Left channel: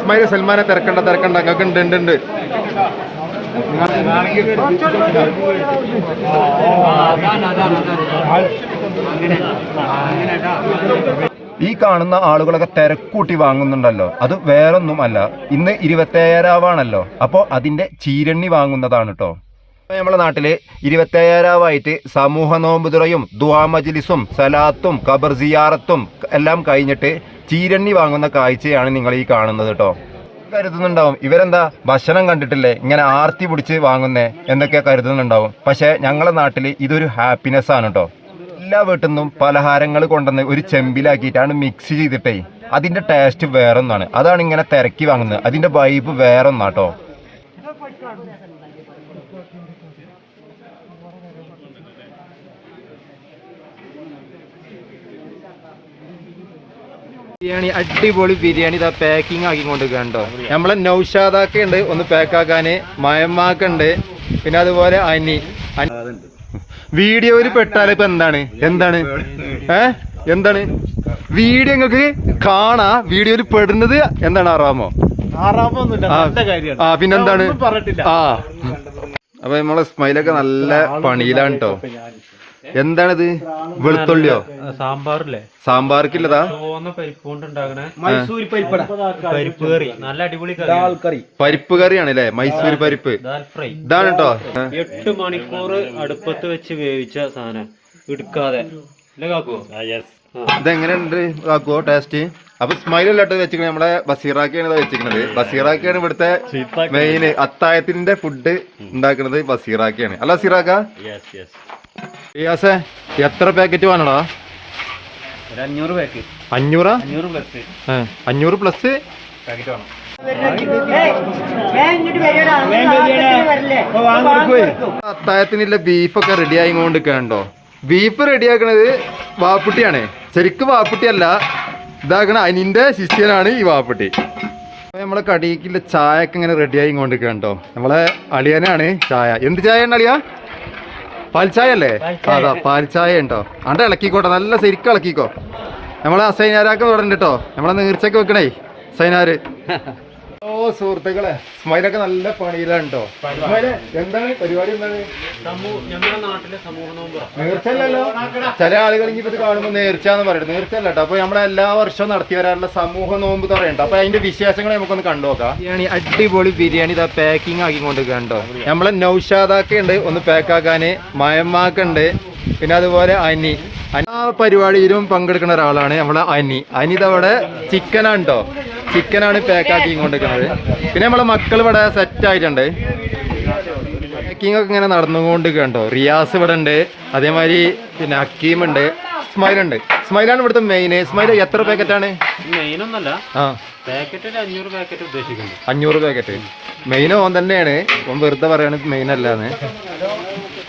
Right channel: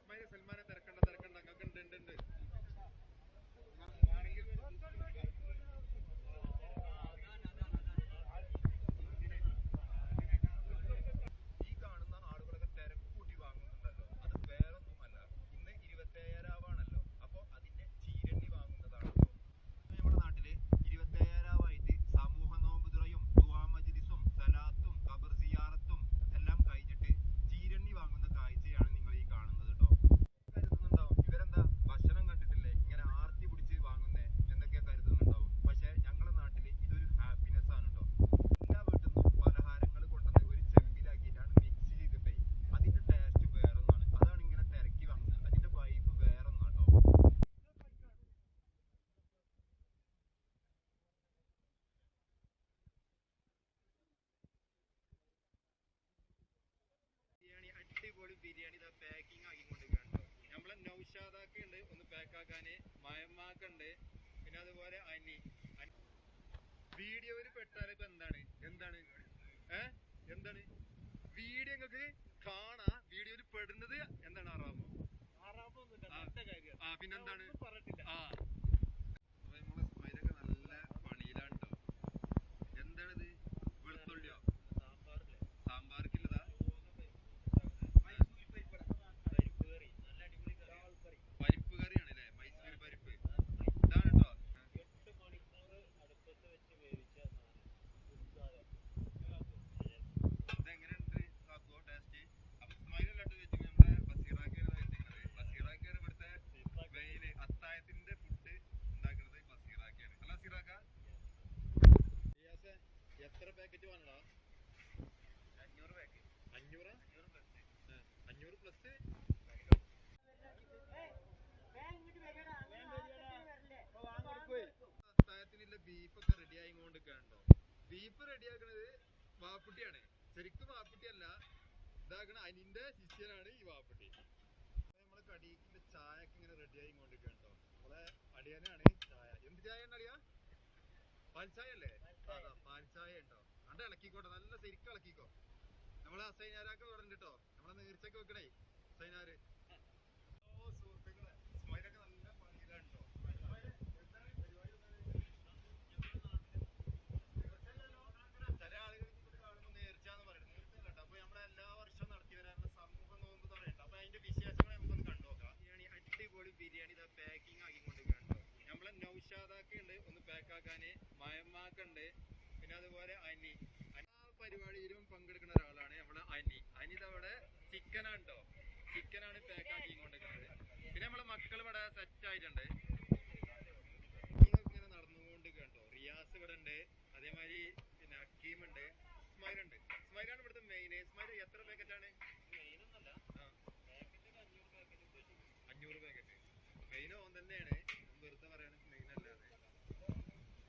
Smile സൽമാനെ തിരക്കണ്ട അങ്ങക്ക് ഉണ്ട് ഈ കാണുന്ന ആളുകളൊക്കെ തിരക്കൂട്ടി വാങ്ങുന്നുണ്ടല്ലോ, അത് വേറൊന്നും അല്ല, ഇന്ന് 27-ആവാണല്ലോ, അപ്പോൾ അതിന്റെ ചീരണ്ണി വാങ്ങുന്നതാണ് കേട്ടോ. നമ്മളെ നാട്ടില് 27-ആവായിട്ട് സമൂഹ നോമ്പുതുറയും ദുആ മജ്ലിസും സലാത്തും ഖബർ സിയാറത്തും എല്ലാം കഴിഞ്ഞിട്ട് ചീരണ്ണി വാങ്ങുന്ന കാഴ്ചയാണ് നിങ്ങൾ ഈ കാണുന്നത് കേട്ടോ. കരുതുന്നുണ്ടാവും ഇവരെന്താ ഭക്ഷണം കണ്ടിട്ടില്ലേ ഇങ്ങനെ ആർത്തി പിടിച്ച് വാങ്ങുന്നേ എന്നൊക്കെ കരുതുന്നുണ്ടാവും. പക്ഷെ ഞങ്ങളെ നാട്ടിൽ ഇതൊരു ഹാപ്പിനെസ് ആണ് കേട്ടോ. എല്ലാ വീട്ടിൽ നിന്നും പലഹാരങ്ങൾ കൊണ്ടുവന്ന് ഒരു ചെമ്പിലാക്കിയിട്ടാണ് മിക്സ് ചെയ്തിട്ടേ അതിന്റെ ടേസ്റ്റ് വേറൊന്നാണ്. അതാണ് ഇങ്ങനെ തിരക്കി വാങ്ങുന്നത്, അതിന്റെ വൈബ് വേറൊന്നാട്ടോ. ബിരിയാണി, അടിപൊളി ബിരിയാണി ഇതാ പാക്കിങ് ആക്കിക്കൊണ്ട് കണ്ടോ. നമ്മളെ നൗഷാദാക്ക ഉണ്ട് ഒന്ന് പാക്കാക്കാന്, മയമ്മാക്കുണ്ട്, പിന്നെ അതുപോലെ വീഡിയോയിൽ പെട്ടാൽ ഇപ്പൊ എന്താണ് വീഡിയോ നിങ്ങൾക്ക് കാണാ. വീഡിയോയിൽ പെടുന്നത് എന്താണ് ആറാമോ പിന്നെന്താണ് അപ്പൊ നമ്മളെ സ്മൈലൊക്കെ നല്ല പണിയിലാണ് കേട്ടോ. എന്താണിത്, വെളുത്തുള്ളിയോ? സാമ്പാർക്കില്ലതാ പരിപ്പ് കറിയാണ് അല്ലേ, മൈസൂർ പരിപ്പ്. ഇതാണ് കേട്ടോ 8 മണിക്കൂർ അടുപ്പത്ത് വെച്ച് വേവിച്ച സാധനം എടുക്കാതെ. ഇതെങ്ങനെയുണ്ട് കാക്കുവോ ടേസ്റ്റ്? അപ്പൊ സ്മൈലല്ലാട്ട് വെച്ചിരിക്കുന്നത് നമ്മുടെ ബസീറാക്കിയാണ് വെച്ചിരിക്കുന്നത്. ബസീറാക്കിയാണ് ഇവിടുത്തെ മെയിൻ അത്തായത്തിന്റെ ഫുഡ് ഉണ്ടാക്കുന്നത്. ബസീറാക്കിയാണ് അല്ല ബസീറാക്ക? എത്ര പാക്കറ്റ് വേണടാ? 500 പാക്കറ്റ്. 500 പ്ലസ് അത്തായത്തിനുള്ള ബീഫൊക്കെ റെഡി ആയിക്കൊണ്ട് കണ്ടോ. ബീഫ് റെഡിയാക്കണത് വാപ്പുട്ടിയാണ്, ശരിക്കും വാപ്പുട്ടിയല്ല, ഇതാക്കണ അനിന്റെ ശിഷ്യനാണ് ഈ വാപ്പുട്ടി. നമ്മളെ കടിക്കുള്ള ചായ ഒക്കെ ഇങ്ങനെ റെഡി ആയിക്കൊണ്ട് കണ്ടോ. നമ്മളെ അളിയനാണ് ചായ. എന്ത് ചായ ആണ് അളിയ? പാൽച്ചായ അല്ലേ? അതാ പാൽച്ചായ ഉണ്ടോ? അണ്ട ഇളക്കിക്കോട്ടെ, നല്ല ശരിക്കും ഇളക്കിക്കോ. നമ്മളെ സൈനാരാക്ക തുടരുന്നുണ്ട് കേട്ടോ, നമ്മളെ നീർച്ചയൊക്കെ വെക്കണേ സൈനാര്. ഓ സുഹൃത്തുക്കളെ, സ്മൈലൊക്കെ നല്ല പണിയിലാണ് കേട്ടോ. എന്താണ് പരിപാടി? എന്താണ് നേർച്ചല്ലോ? ചില ആളുകൾ ഇത് കാണുമ്പോൾ നേർച്ചാന്ന് പറയുന്നത്. നേർച്ചല്ല കേട്ടോ. അപ്പൊ നമ്മളെ എല്ലാ വർഷവും നടത്തി വരാറുള്ള സമൂഹ നോമ്പ് തുറയുണ്ട്. അപ്പൊ അതിന്റെ വിശേഷങ്ങൾ നമുക്കൊന്ന് കണ്ടുനോക്കാം. ബിരിയാണി, അടിപൊളി ബിരിയാണി ഇതാ പാക്കിങ് ആക്കിക്കൊണ്ട് കണ്ടോ. നമ്മളെ നൗഷാദാക്ക ഉണ്ട് ഒന്ന് പാക്കാക്കാന്, മയമ്മാക്കുണ്ട്, പിന്നെ അതുപോലെ ആ പരിപാടിയിലും പങ്കെടുക്കുന്ന ഒരാളാണ് നമ്മളെ ഇതവിടെ ചിക്കനാണ് കേട്ടോ. ചിക്കനാണ് പാക്കാക്കി കൊണ്ടിരിക്കുന്നത്. പിന്നെ നമ്മളെ മക്കൾ ഇവിടെ സെറ്റ് ആയിട്ടുണ്ട്. പാക്കിംഗ് ഒക്കെ ഇങ്ങനെ നടന്നുകൊണ്ട് കണ്ടോ. റിയാസ് ഇവിടെ ഉണ്ട്, അതേമാതിരി പിന്നെ ഹക്കീമുണ്ട്, സ്മൈലുണ്ട്. സ്മൈലാണ് ഇവിടുത്തെ മെയിൻ. സ്മൈൽ എത്ര പാക്കറ്റാണ്? 500 പാക്കറ്റ്. മെയിൻ ഓൻ തന്നെയാണ്, ഓൻ വെറുതെ പറയാണ് മെയിൻ അല്ലാന്ന്.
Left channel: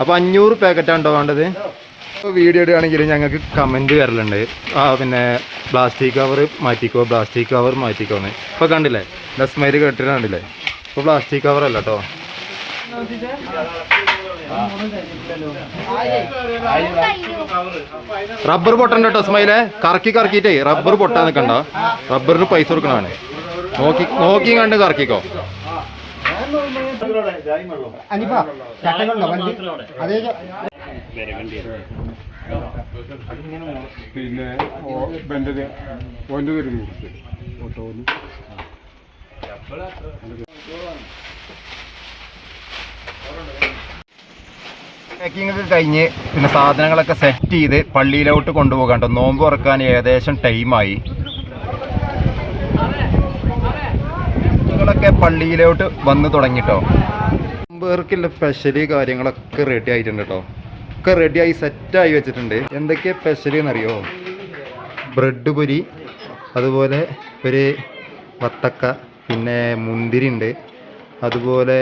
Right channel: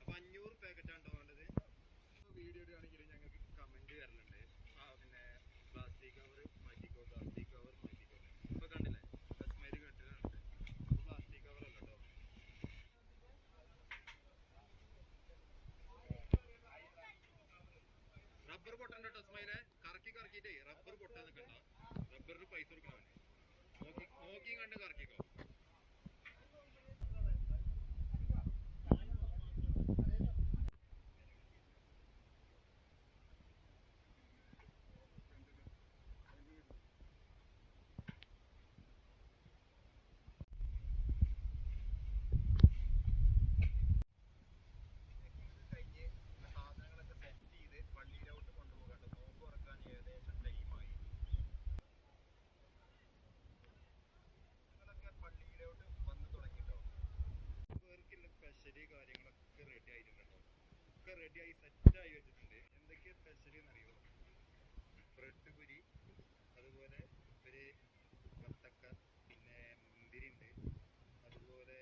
അപ്പൊ 500 പാക്കറ്റാണോ വേണ്ടത്? വീഡിയോ ഇടുകയാണെങ്കിൽ ഞങ്ങൾക്ക് കമൻറ്റ് വരലുണ്ട്, പിന്നെ പ്ലാസ്റ്റിക് കവർ മാറ്റിക്കോന്ന്. ഇപ്പോൾ കണ്ടില്ലേ സ്മൈല് കേട്ടിട്ട് കണ്ടില്ലേ? ഇപ്പോൾ പ്ലാസ്റ്റിക് കവർ അല്ല കേട്ടോ. റബ്ബർ പൊട്ടണ്ട കേട്ടോ സ്മൈലെ, കറക്കിട്ടേ റബ്ബർ പൊട്ടാൻ നിൽക്കണ്ട. റബ്ബറിന് പൈസ കൊടുക്കണതാണ്. നോക്കി കണ്ട് കറക്കിക്കോ. പിന്നെ പാക്കിംഗ് ഒക്കെ കഴിഞ്ഞ് പിന്നെ സാധനങ്ങളൊക്കെ സെറ്റ് ചെയ്ത് പള്ളിയിലോട്ട് കൊണ്ടുപോകാൻ കേട്ടോ. നോമ്പ് തുറക്കാൻ ഏകദേശം ടൈമായി. ൊക്കെ പള്ളിയിലോട്ട് വന്ന് തുടങ്ങിട്ടോ. നോമ്പേർക്കുള്ള സ്പെഷ്യല് കാര്യങ്ങളൊക്കെ റെഡി ആയിട്ടുണ്ട് കേട്ടോ. ഒക്കെ റെഡിയായി സെറ്റായി വെച്ചിട്ടുണ്ട്. എന്തൊക്കെയാണ് സ്പെഷ്യൽ എന്നറിയോ? ബ്രെഡ് പൊരി, അതുപോലെ ഒരു വത്തക്ക, പിന്നെ മുന്തിരി ഉണ്ട്, അതുപോലെ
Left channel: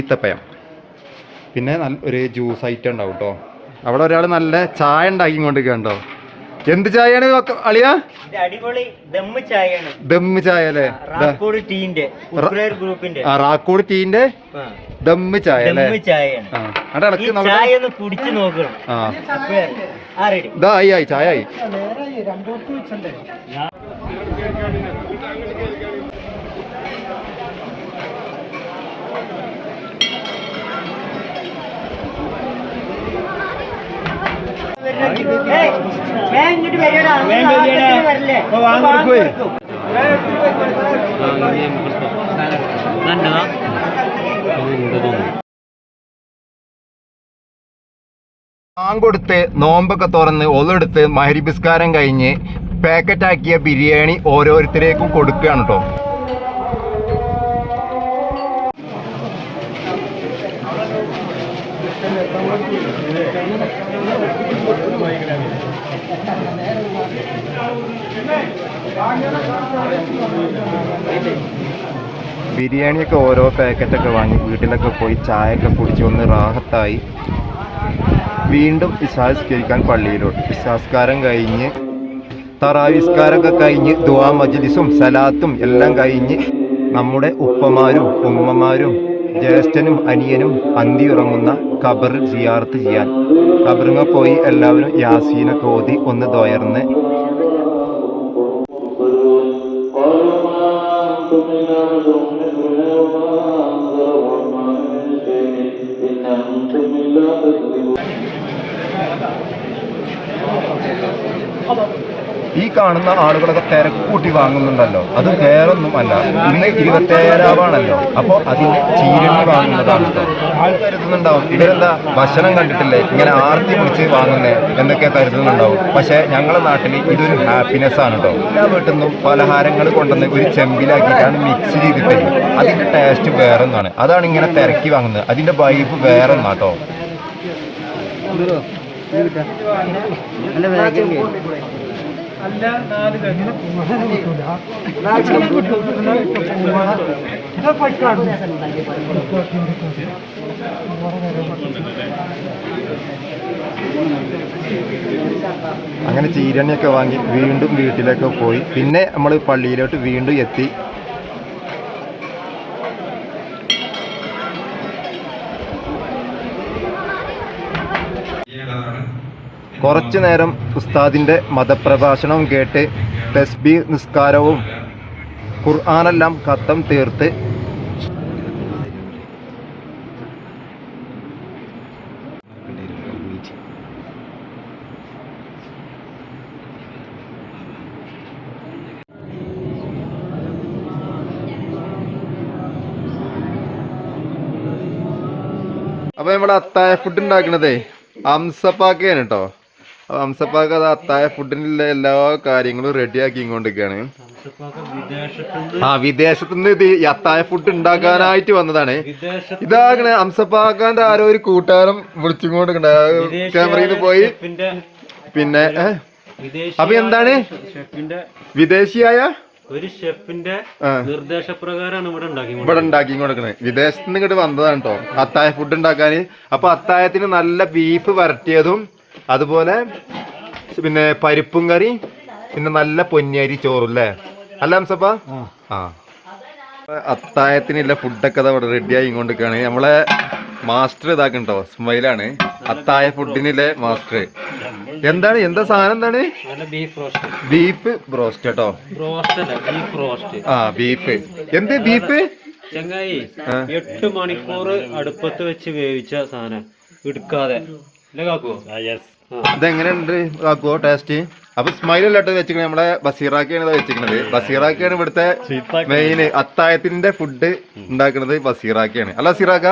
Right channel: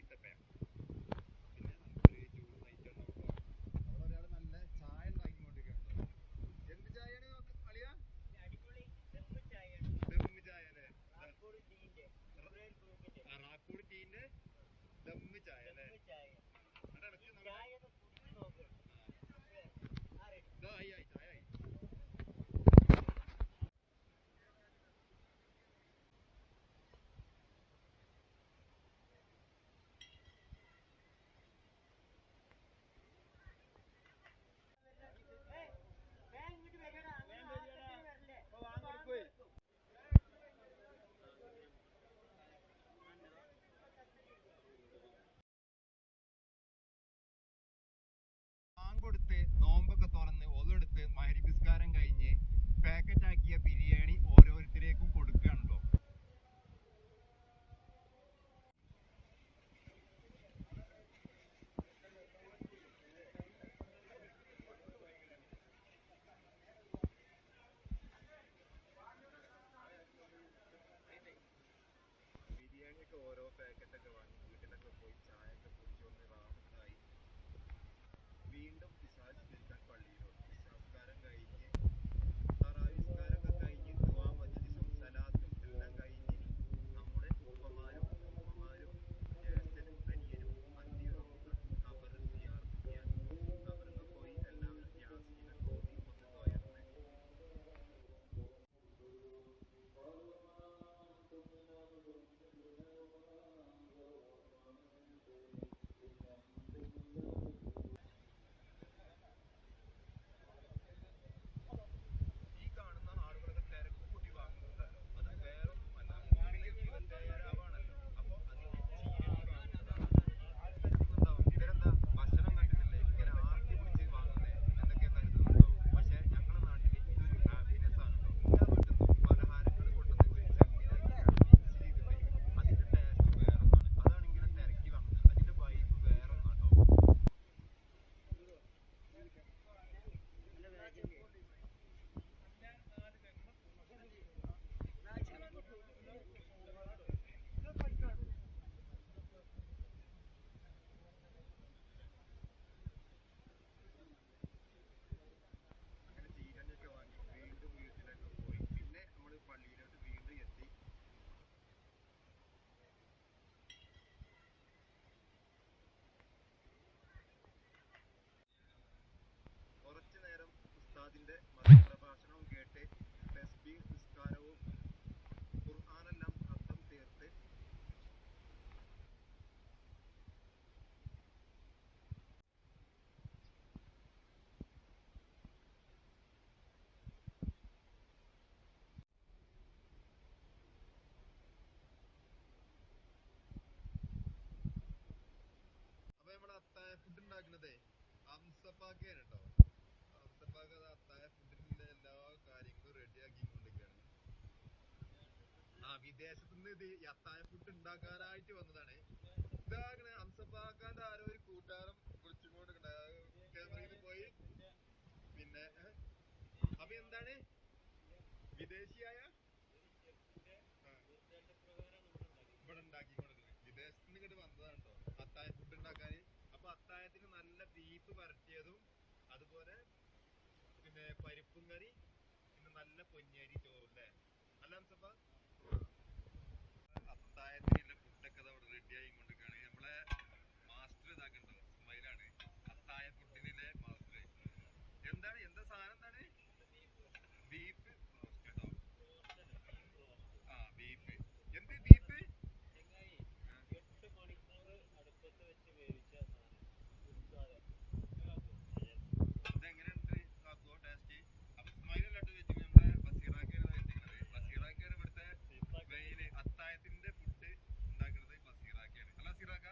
ഈത്തപ്പഴം, പിന്നെ ഒരു ജ്യൂസ് ഐറ്റം ഉണ്ടാവും കേട്ടോ. അവിടെ ഒരാൾ നല്ല ചായ ഉണ്ടാക്കിക്കൊണ്ടിരിക്കണ്ടോ. എന്ത് ചായയാണ് അളിയ? അടിപൊളി ദമ്മ് ചായയാണ്. ദമ്മ് ചായ അല്ലേ? റാക്കോട് ടീന്റെ ദമ്മ് ചായ അല്ലേ? ചായ ഒന്ന് കുടിച്ചു നോക്കണം. ഇതായി ചായ ആയി. കൊടുത്ത് നോമ്പൊക്കെ തുറന്ന് ഒന്നെടുത്ത് മഹരിബിസ്കാരം കഴിഞ്ഞ് പാക്കറ്റാക്കിയ ബിരിയാണി ഓരോരുത്തരേക്കും കൊടുക്കുകയാണ് കേട്ടോ. ബിരിയാണിയൊക്കെ ഓരോ പാക്കറ്റൊക്കെ വാങ്ങി വീട്ടിലൊക്കെ പോയി ചായയൊക്കെ കുടിച്ച് ഒന്ന് റാഹത്തായി വീണ്ടും ഇശാസ്കരിക്കാൻ പള്ളിയിലോട്ട്. ഇശാസ്കാരം കഴിഞ്ഞ് തറാവിസ്കാരമൊക്കെ കഴിഞ്ഞ് ദുആ മജ്ലിസും സലാത്തും എല്ലാം കഴിഞ്ഞ് നമ്മുടെ ഉപ്പമാരും ഉമ്മമാരും ജ്യേഷ്ഠനും അനിയനും അന്തി ഉറങ്ങുന്ന ഖബർ സിയാറത്ത് ചെയ്യാൻ ഖബറിങ്ങ പോയി എല്ലാവരും യാസീനൊക്കെ ഓതി ഒന്ന് ദ്വയർന്ന് ഈ കാണുന്ന ആളുകളൊക്കെ തിരക്കൂട്ടി വാങ്ങുന്നുണ്ടല്ലോ, അത് വേറൊന്നും അല്ല, ഇന്ന് 27-ആവാണല്ലോ. അപ്പോൾ അതിന്റെ ചീരണ്ണി വാങ്ങുന്നതാണ്. ആൾ കരുതുന്നുണ്ടാവും ഇവരെന്താ ഭക്ഷണം കണ്ടിട്ടില്ലേ ഇങ്ങനെ ആർത്തി പിടിച്ച് വാങ്ങുന്നേ എന്നൊക്കെ കരുതുന്നുണ്ടാവും. പക്ഷെ ഞങ്ങളുടെ നാട്ടിൽ ഇതൊരു ഹാപ്പിനെസ് ആണ് കേട്ടോ. എല്ലാ വീട്ടിൽ നിന്നും പലഹാരങ്ങൾ കൊണ്ടുവന്ന് ഒരു ചെമ്പിലാക്കിയിട്ടാണ് മിക്സ് ചെയ്തിട്ട് അതിന്റെ ടേസ്റ്റ് വേറൊന്നാണ്. അതാണ് ഇങ്ങനെ തിരക്കി വാങ്ങുന്നത്. അതിന്റെ വൈബ് വേറൊന്നാട്ടോ. അങ്ങനെ ചീരണിയൊക്കെ വാങ്ങി വീണ്ടും വീട്ടിലേക്ക് പോയി. പിന്നെ നമ്മൾ പള്ളിയിലോട്ട് വീണ്ടും എത്തി. കുറച്ചു നേരം ഉസ്താദിൻ്റെ മതപ്രഭാഷണവും കേട്ട് തസ്ബീഹ് നിസ്കാരവും ഖുർആനെല്ലാം ഖത്തം തീർത്ത് അപ്പോൾ നമ്മുടെ അത്തായ ഫുഡ് ഉണ്ടാക്കണതേ അംസപ്പാക്കയാണ് കേട്ടോ. അപ്പോൾ അംസപ്പാക്ക അത് അത്തായ ഫുഡിനുള്ള എല്ലാ കാര്യങ്ങളും റെഡിയാക്കി ഇങ്ങോട്ടേക്കാണ്. വിദേശത്തുനിന്ന് ഇത് അത്തായ ഫുഡ് ഉണ്ടാക്കാനായിട്ട് വന്നതാണ്. ഇതാകണേ അംസപ്പാക്കാന്റെ ആരോ ഒരു കൂട്ടുകാരൻ വിളിച്ചുകൊണ്ട് ക്യാമറയിൽ പോയി. പിന്നെ അപ്പൊ എന്താണ് വിദേശിയായ ഒരു ഷെഫിന്റെ നിർദ്ദേശപ്രകാരമാണ് ഇവിടെ ഉണ്ടാക്കി കൊടുക്കുന്നത്. വിദേശത്ത് നിന്ന് ഇങ്ങോട്ട് വന്നതാണ് കേട്ടോ അത്തായ ഫുഡ് ഉണ്ടാക്കാൻ. അപ്പൊ അത്തായത്തിന് നല്ല ബീഫ് വരട്ടിയതും അതുപോലെ പിന്നെ പരിപ്പും കറി, പിന്നെ നല്ല പൊന്നിയരി ചോറും അല്ലേ അല്ല ഹംസപ്പ? ആ അത്തായത്തിനുള്ള ഫുഡൊക്കെ അവിടെ റെഡിയായി ഇങ്ങോട്ടേക്കാണ്. നമ്മളെ മാസ്റ്റർ ഇതാക്കണ്ടോ സ്മൈലാണ് അത്തായ ഫുഡിനിലെ മാസ്റ്റർ. എന്താണ് എന്താ സാധനം എന്താണ്? ബീഫ് ബ്രോസ്റ്റ് കേട്ടോ. ബീഫ് എന്ത് ബീഫ് ചങ്ങായി 8 മണിക്കൂർ അടുപ്പത്ത് വെച്ച് വേവിച്ച സാധനം എടുക്കാതെ ഇതെങ്ങനെയുണ്ട് കാക്കുവോ ടേസ്റ്റ്? അപ്പൊ സ്മൈലല്ലാട്ട് വെച്ചിരിക്കണത് നമ്മളെ ബസീറാക്കയാണ് വെച്ചിരിക്കണത്. ബസീറാക്കയാണ് ഇവിടുത്തെ മെയിൻ അത്തായത്തിന്റെ ഫുഡ് ഉണ്ടാക്കുന്നത്. ബസീറാക്കയാണ് അല്ല ബസീറാക്ക?